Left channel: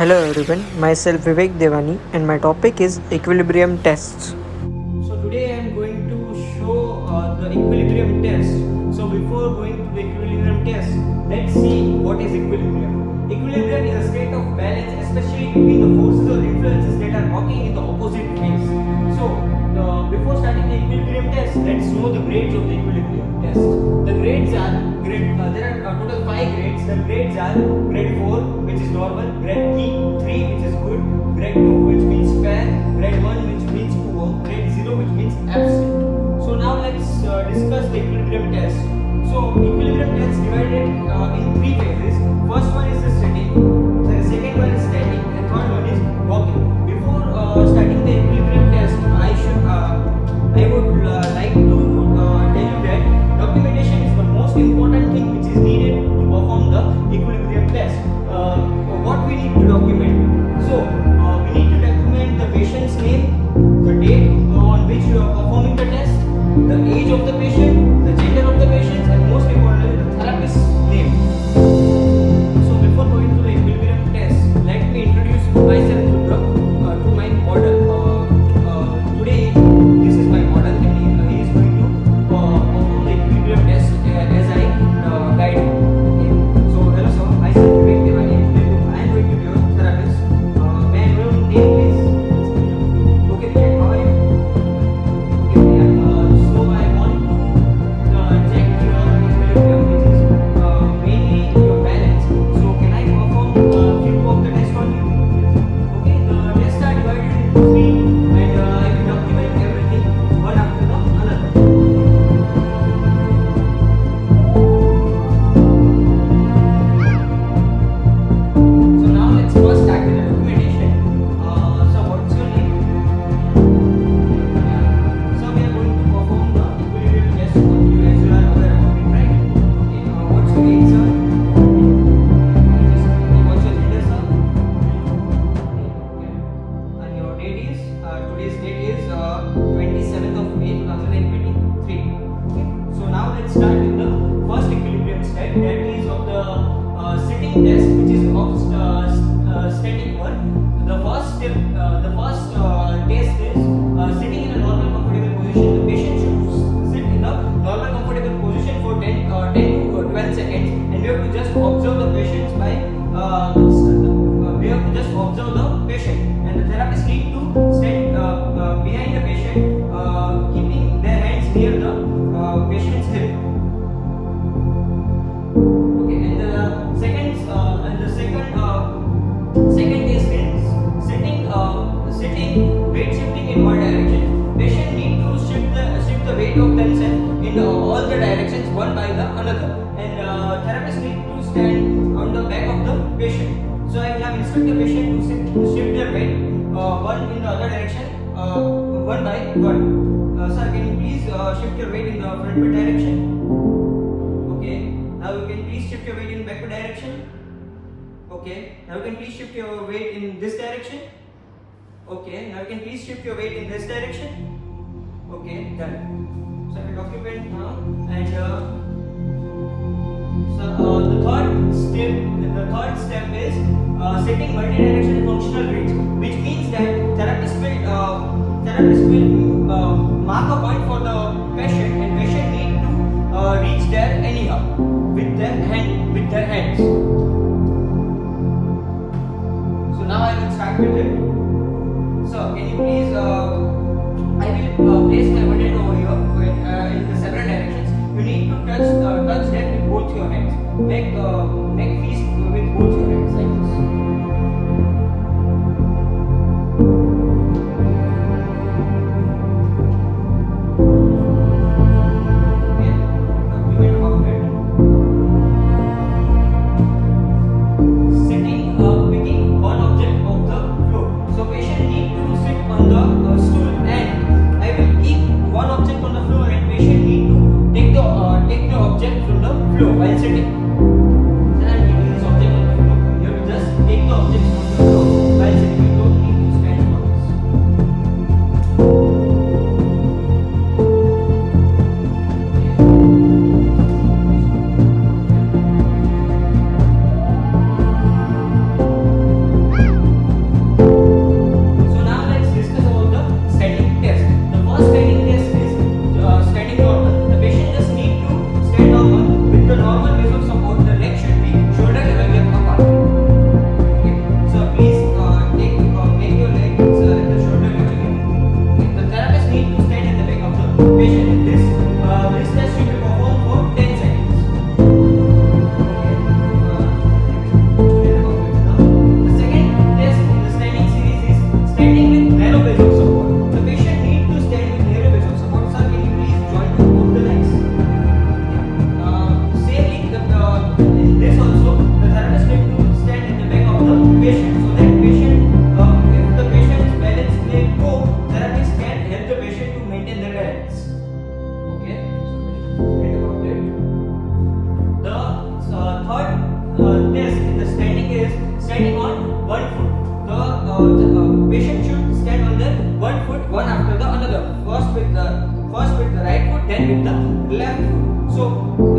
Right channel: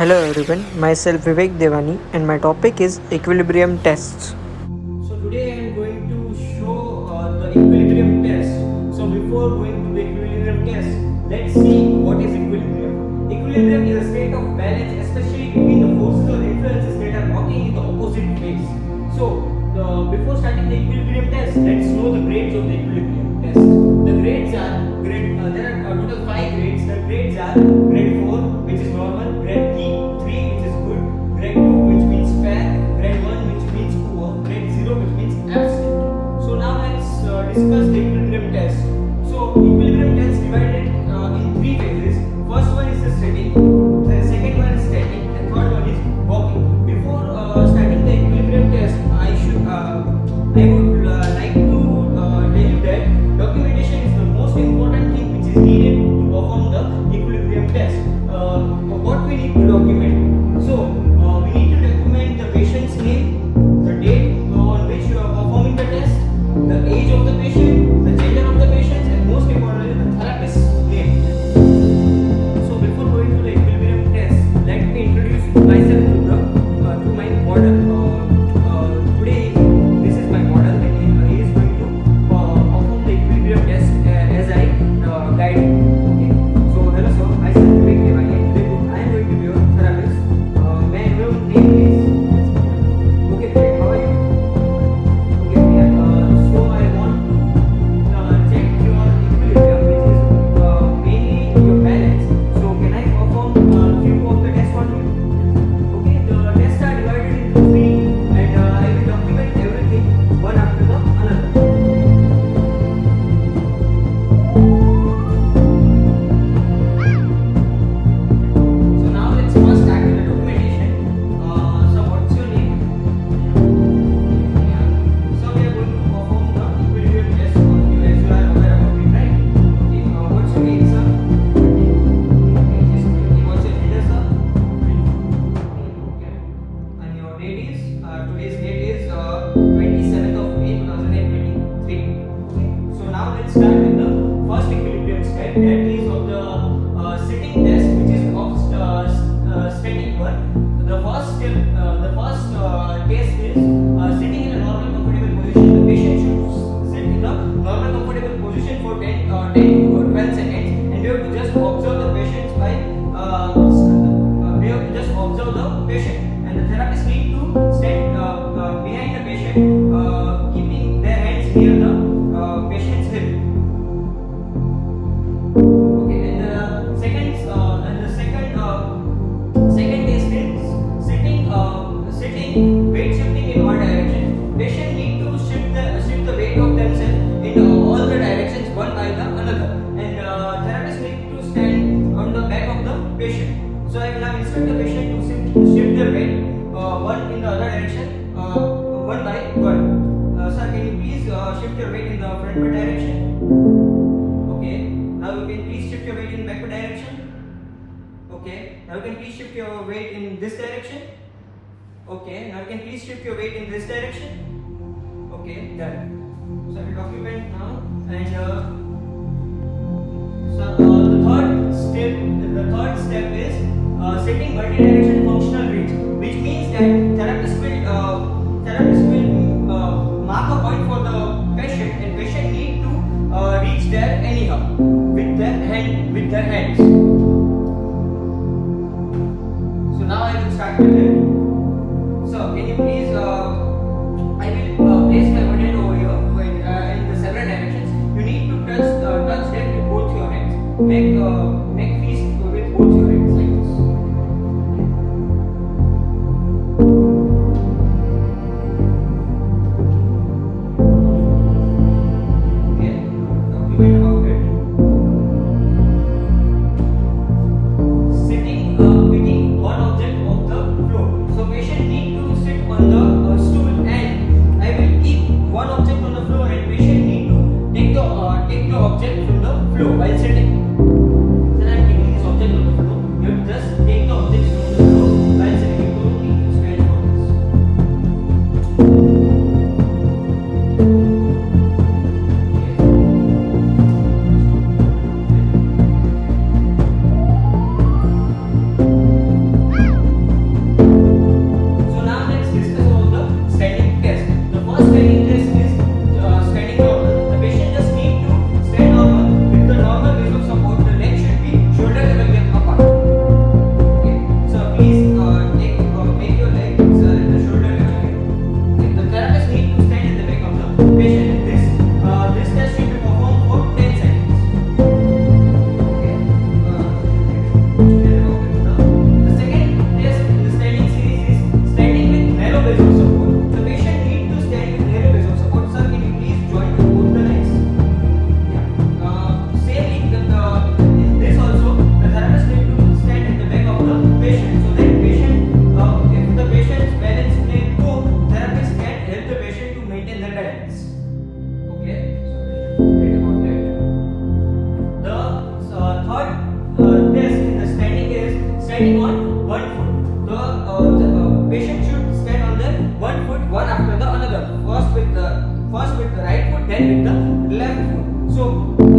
Hello everyone, myself Vivek Devani and my topic is equilibrium tests. So today I am going to show the equilibrium test. So before going to the equilibrium test, let's see what is equilibrium. Equilibrium is a state of balance, especially between the forces or influences that are working in the opposite ways. So before starting the equilibrium test, let's know the grades of the equilibrium test. The grades are there are total 5 grades. The grades are grade 4, which is normal, grade 3, which is good, grade 2, which means fair, grade 1, which means poor, grade 0, which means absent. So now let's discuss the equilibrium test. So equilibrium test divided in 3 phases. First one is the sitting, the second one is standing, and third one is walking. Before starting the equilibrium test, I would like to tell you that documentation is the most important thing which is needed to perform the equilibrium test. What we need to document? So we need to document the patient's name, the date on which you are performing the test, the age of the patient, the gender of the patient, and most importantly the therapist's name. So before going to the equilibrium test, let me introduce myself to my model. Today this is my model and he is going to perform the equilibrium test as I guide him. Okay. So hello sir, myself Vivek Devani. Today I am going to be your therapist. May I know your name please? Okay, Priya, how are you? Okay, Priya. So I want to check your equilibrium, which is mainly your balance. So can I perform few of the tests on you? Okay, the tests are divided into 3 and I will document everything one after the another. So now let's first start with the documentation. So what's your name? Yeah. So we are going to perform the equilibrium test on you as you are aware about it, right? Okay. What's your age, sir? What's your gender, sir? Okay. And your date is today's date is 27th of May 2023. Okay. So now let's start with the first equilibrium step, that is of the sitting test, which is of standing one. The first step, the first test is sitting in a normal comfortable position. The patient should sit in a normal comfortable position for 10 to 12 seconds, and we have to just observe the patients by we have to just observe the patient, and the therapist need to stand behind the patient, keeping their hands near the patient's hip. Okay, and the second test is sitting weight shifting in all directions. Patient need to shift the weight of themselves in all the directions one by the another, and therapist need to stand on the back of the patient. So I will now instruct the patient to shift their weight one in the other direction, one by one. Sir, can you please shift your weight in the frontward direction? Okay. Now you can please shift your weight in backward direction. Okay. Now you can please shift your weight in this direction. Okay. Now you can please shift your weight in this direction. Okay. Done. So I will document now, and the third step is setting multi-direction functional range, which means that therapist will mark a point for the patient, and patient need to reach there anyhow with their hands. So now I will start with it. So can you please I will place my one hand over here in the several directions. You need to touch that with both your hands. Make fist with both your hands like this. Okay. Document after it. Sitting picking one object of the floor. So patient need to sit on the stool, and I will keep one object on the floor, and patient need to take the object from the floor while sitting. So one foot. The patient should stand on the one foot, one after the another. First with the right foot, then with the left foot. So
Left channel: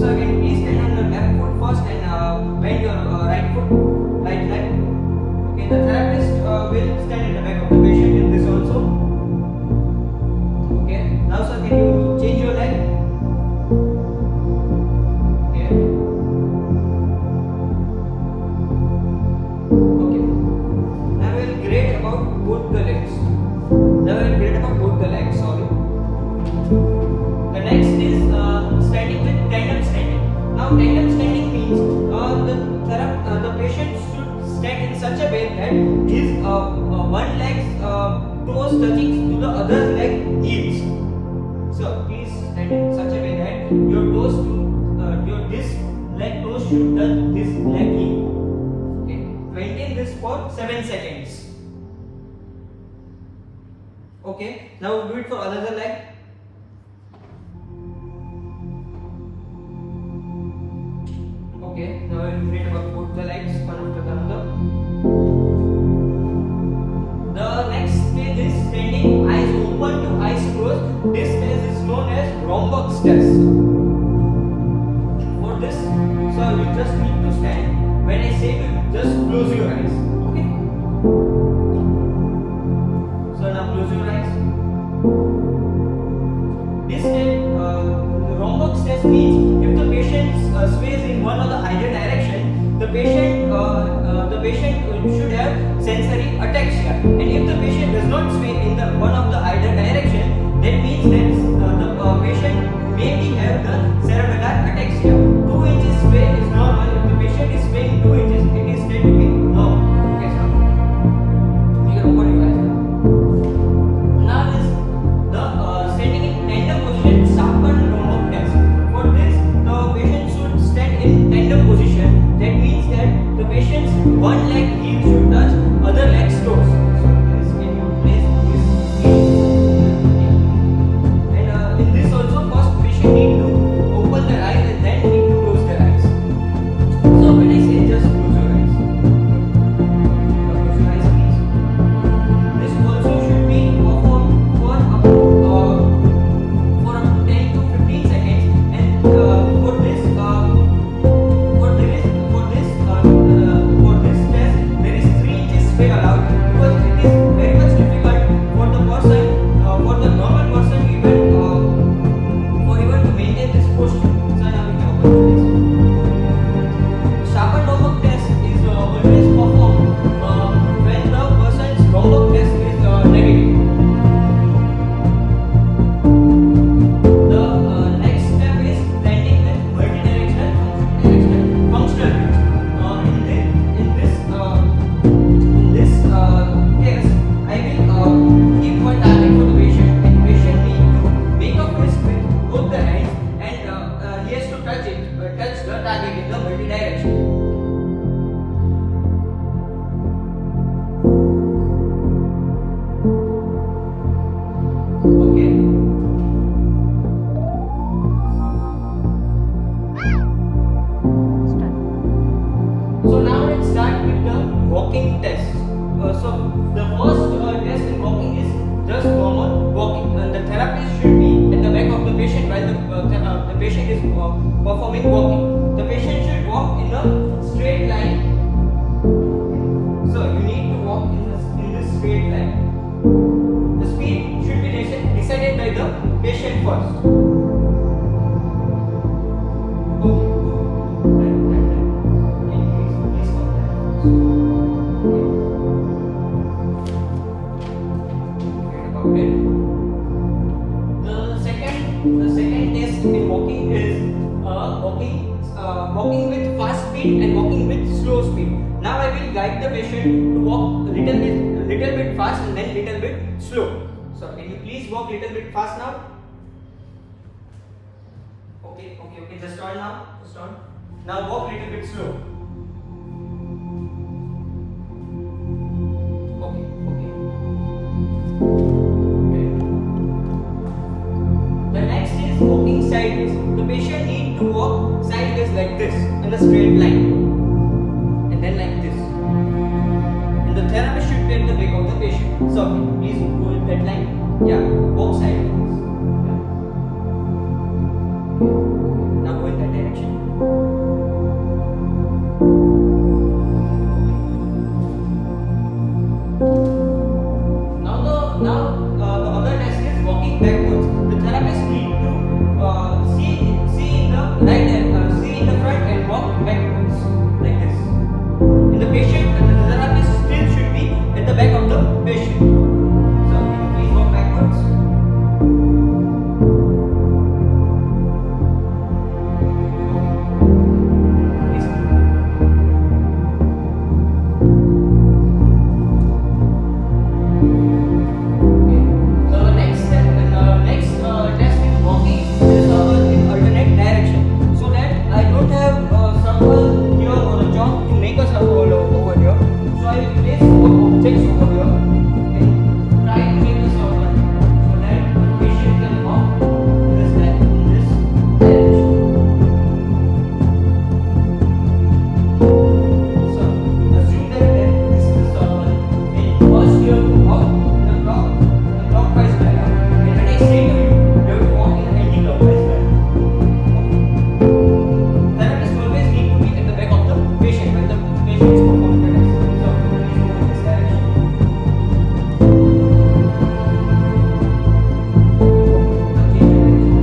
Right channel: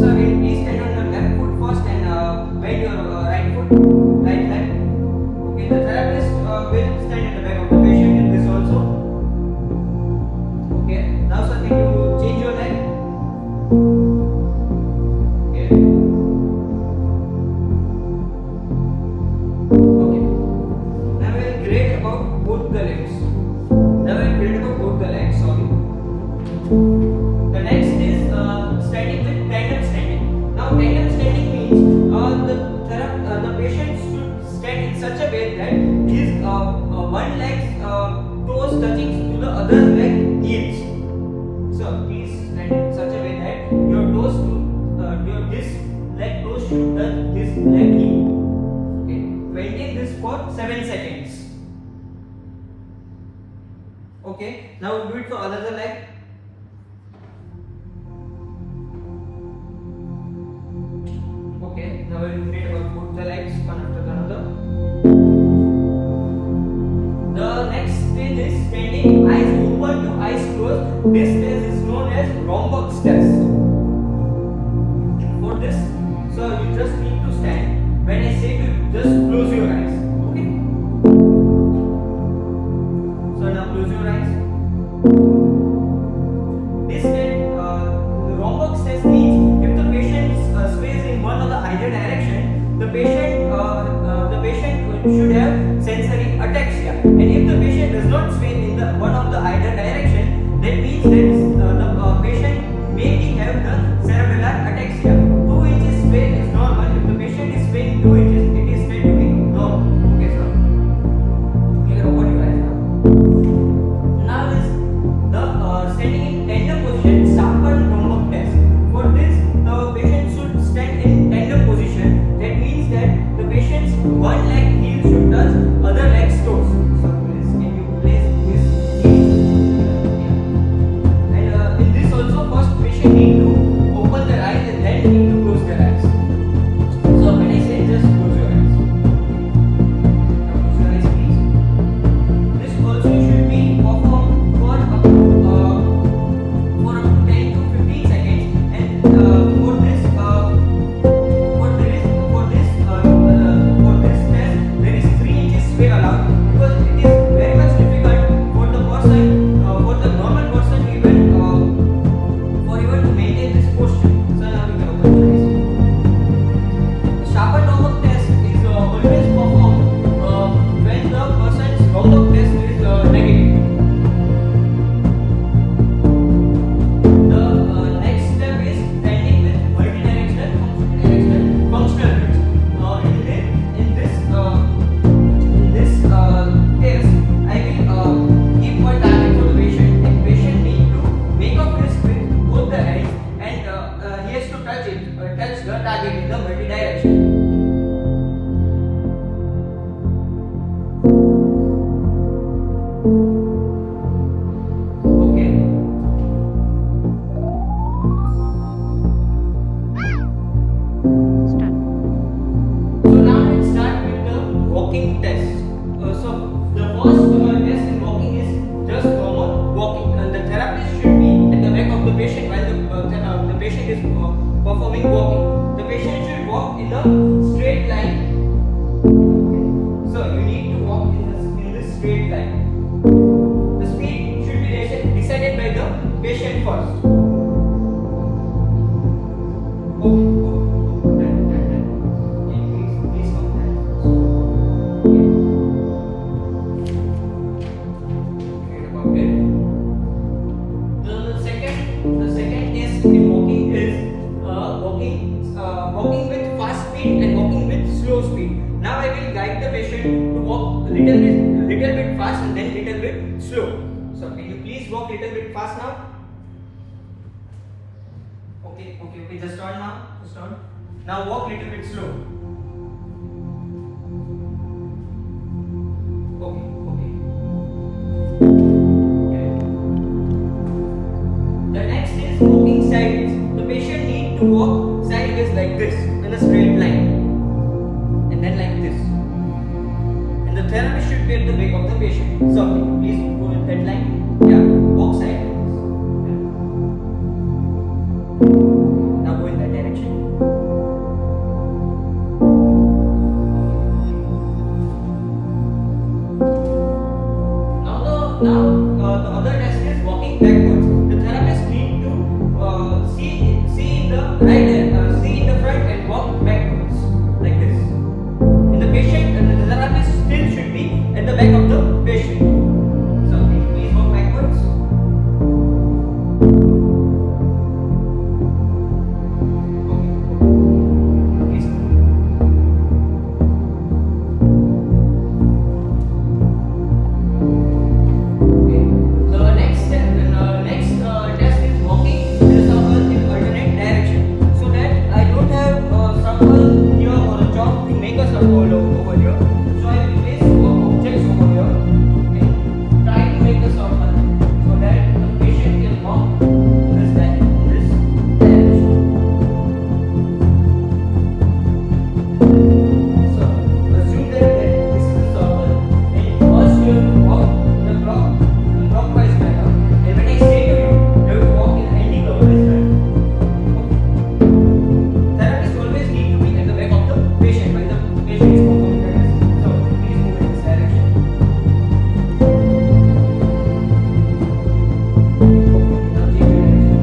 sir, can you please stand on the left foot first and bend your right foot like that. Okay, the therapist will stand in the back of the patient in this also. Okay, now sir, can you change your leg? Okay. Okay. Now we will grade about both the legs. Sorry. The next is standing with tandem standing. Now tandem standing means the patient should stand in such a way that his one leg's toes touching to the other leg heels. So please stand in such a way that your toes this leg toes should touch this leg heel. Okay. Maintain this for 7 seconds. Okay. Now we'll do it for another leg. Okay. Now we'll read about both the legs one after another. The next stage is standing eyes open to eyes closed. This stage is known as Romberg's test. For this, so you just need to stand. When I say to you, just close your eyes. Okay. So now close your eyes. This stage, the Romberg's test means if the patient sways in one or the either direction, the patient should have sensory ataxia. And if the patient does not sway in the one of the either direction, that means that the patient maybe have the cerebellar ataxia. 2 inches sway is normal. If the patient is swaying 2 inches, it is said to be normal. Okay, sir. You can open your eyes now. Now is the standing in tandem position, Schaper-Romberg test. For this, the patient should stand in tandem position. That means that the patient's one leg heel should touch other leg's toes. So please, can you place this heel? And in this also, first patient need to open their eyes and then need to close their eyes. So when I say just close your eyes. Now close your eyes, please. This also should be performed for up to 10 to 15 seconds. And for this test, there is 3 inches sway allowed because it is very much difficult for the person, for the normal person even to maintain this posture. So now we can open your eyes. The Schaper-Romberg test is always performed when the person's Romberg test is negative. The next step is standing with multidirectional functional twist. In this test, I will give one target for the patient, and patient need to make a fist with both the hands, and he has to touch the target in the multi-direction. Okay. So now let's start with the walking test. So the first test in walking is just normal walking, and the therapist should be at the back of the patient while the patient is performing walking. The patient should walk in a straight line. So you need to walk in this straight line. The speed should be decided by the patient first. Okay. Please come there. Okay. The second test in walking is walking with fast speed and walking with slow speed. Now I will guide the patient to walk little bit fast and then little bit slow. So can you please walk little bit fast now? Okay. Just turn now. Just turn. Now walk little bit slow. Okay. The next is walking sideways. The patient needs to walk sideways like this in a straight line, and then like this. and the therapist should be at the back of the patient. So please go with that line. Yeah, both sides. Yeah. Now go in that direction. The other test is walking backwards. The therapist need to see in the right see in the front and walk backwards like this. In the patient, the therapist still should be at the back of the patient. So please walk backwards. Please. So the next step, test is walking with a circle in alternate direction. So that I don't have a circle here or a chalk to make a circle over here. So I will place four objects over here and try to make a circle so that the patient can walk in this direction. So assume that this is the circle and first you have to walk in a clockwise manner, and when I say to you, you have to walk in anti-clockwise manner. Okay. Therapists always need to be at the back of the patient when the patient is performing the test. So please move in this direction. Now change direction.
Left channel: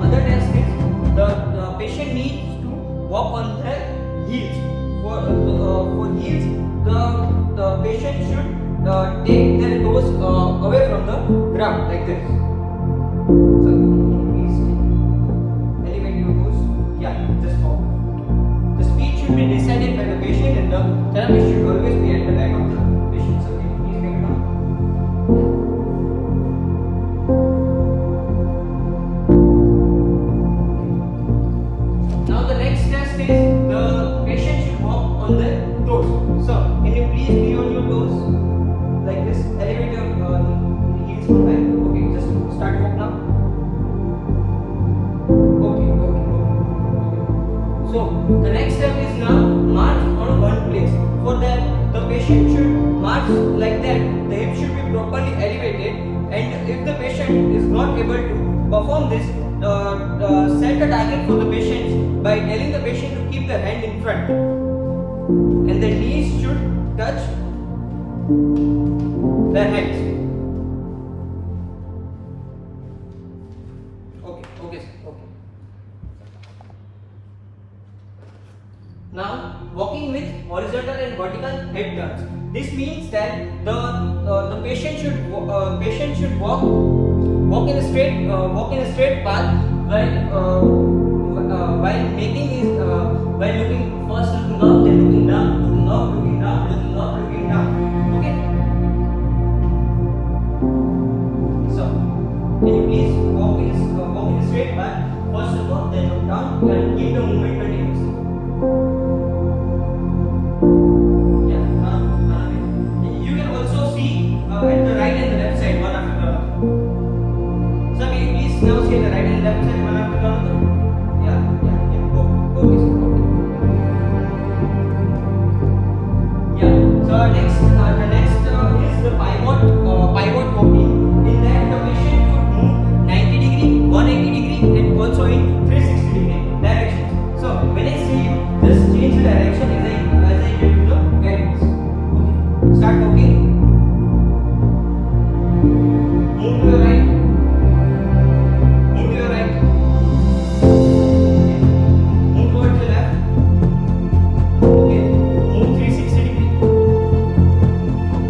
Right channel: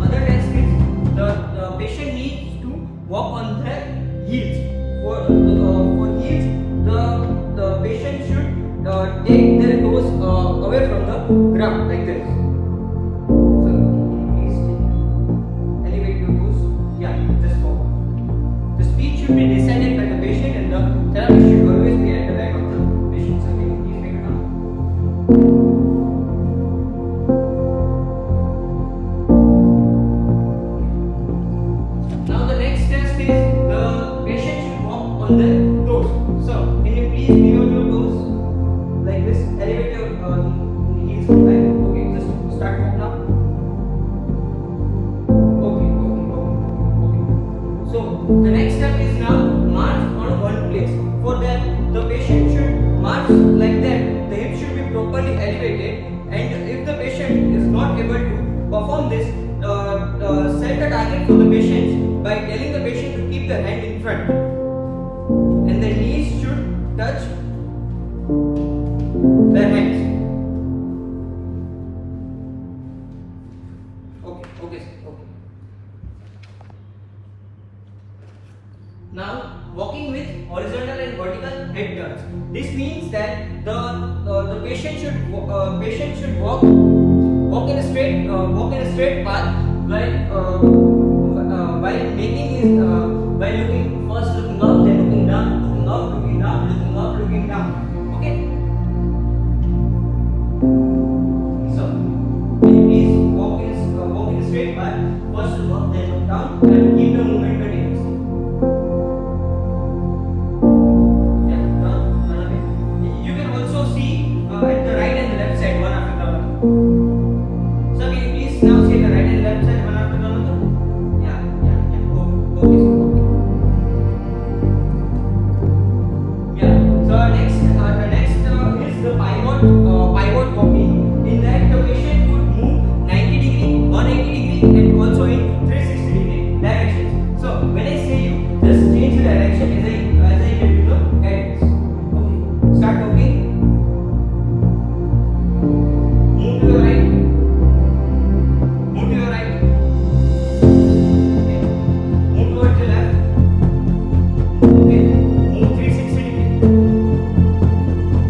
Other test is the patient needs to walk on their heels. For heels, the patient should take their toes away from the ground like this. So can you please elevate your toes? Yeah, just forward. The speed should be decided by the patient, and the therapist should always be at the back of the patient. So can you please make it up? Now the next test is the patient should walk on their toes. So can you please be on your toes like this? Elevate your heels from back. Okay, just start walk now. Okay. So the next step is now march on one place. For that, the patient should march like that. The hips should be properly elevated, and if the patient is not able to perform this, set a target for the patient by telling the patient to keep their hand in front, and the knees should touch their hands. Okay. Now walking with horizontal and vertical head turns. This means that the patient should walk in a straight path while making his while looking first looking up, then looking down, looking up, looking down, looking up, looking down. Okay. So can you please walk in a straight path, first look up, then look down, and keep the movement continuous. You can also see at the right and the left side one after the other. So can you please now see the right and left side one after the other? Yeah. Okay. Yeah. So next is the pivot walking. In that the patient would move 90 degree, 180 degree, and also in 360 degree directions. So when I say you, just change the direction as I get to the guidance. Okay. Start walking. Move to your right. Move to your right. Okay. Move towards the left. Okay. Move 360 degree.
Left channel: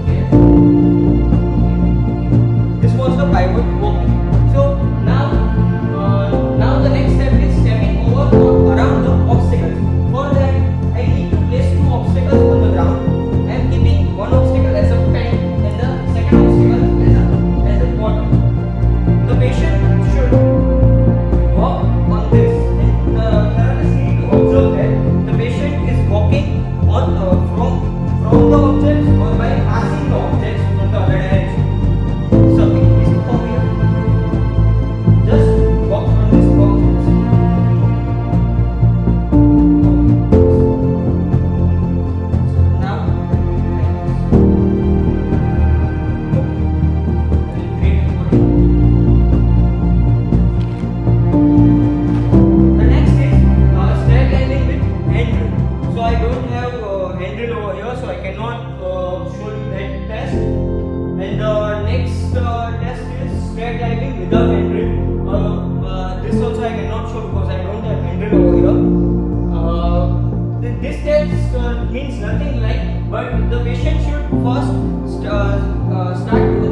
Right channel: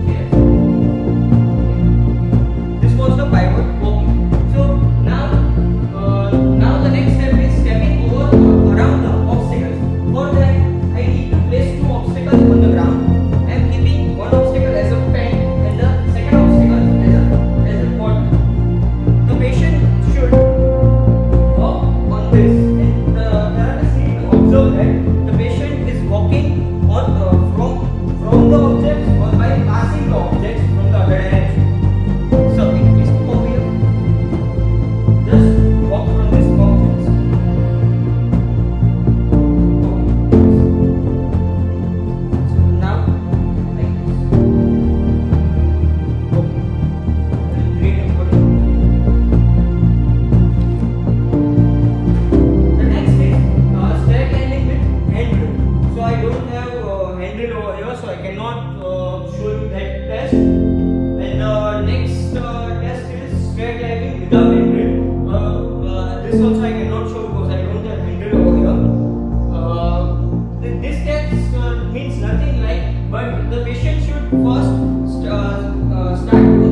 Okay. from the objects or by passing the objects from the other direction. So please come over here. Just walk from this box. So now like this. Okay. Great recording. The next is stair climbing with handrail. So I don't have handrail over here, so I cannot show you that test. And the next test is stair climbing without handrail. This also I cannot show because I don't have handrail over here. This test means nothing like, but the patient should first start to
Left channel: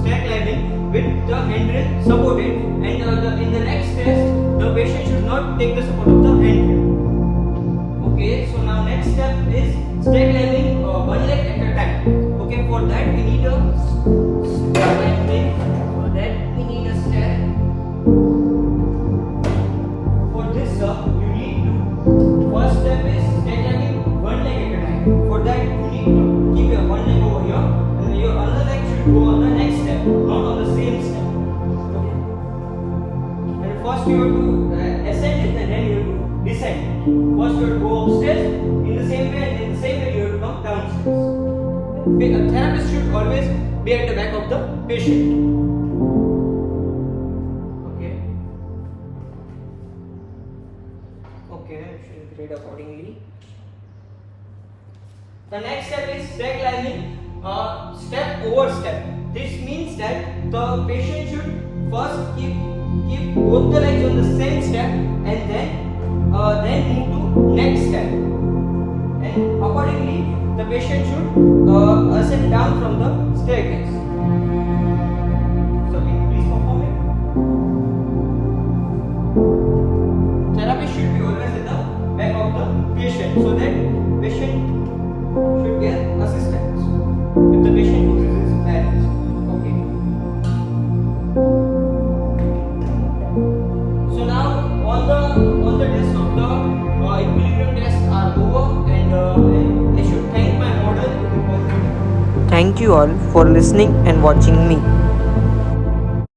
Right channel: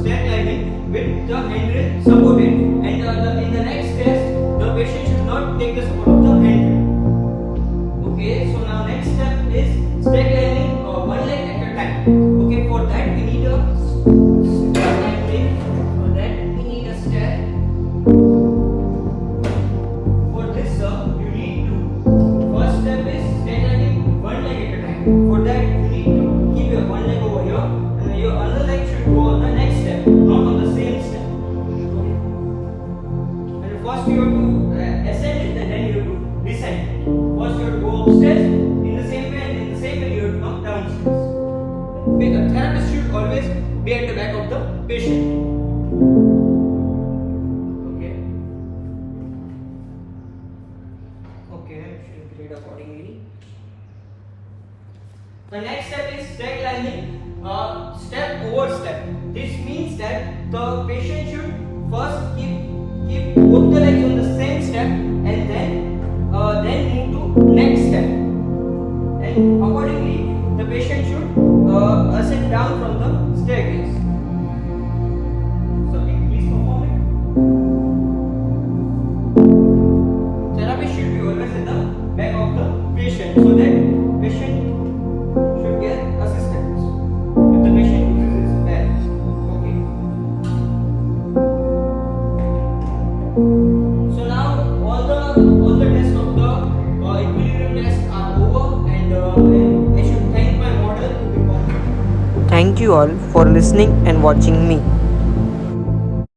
stair climbing with the handrail supported, and in the next test the patient should not take the support of the handrail. Okay, so now next step is stair climbing one leg at a time. Okay, for that we need a stair climbing. For that we need a stair. For this you need to, first step is stair climbing one leg at a time. For that you need to keep your one leg over here and your other leg should go on the next step, not on the same step. Okay. And first you have to ascend it and then you have to descend. First you have to go upstairs in the same way, and in the same way you have to come downstairs. Okay. A therapist should always be at the back of the patient. Okay. Okay, I should grade accordingly. The next step is stair climbing, step over step. This means that the patient should first keep both the legs on the same step and then move to next step. And accordingly, the patient should ascend down from the staircase. So, can you please perform it? Therapist should be always at the back of the patient so that patient should get assistance if the patient loses his balance. Okay. So now all the tests of the equilibrium tests are over, and I should thank my model to perform. Thank you all for listening and watching me.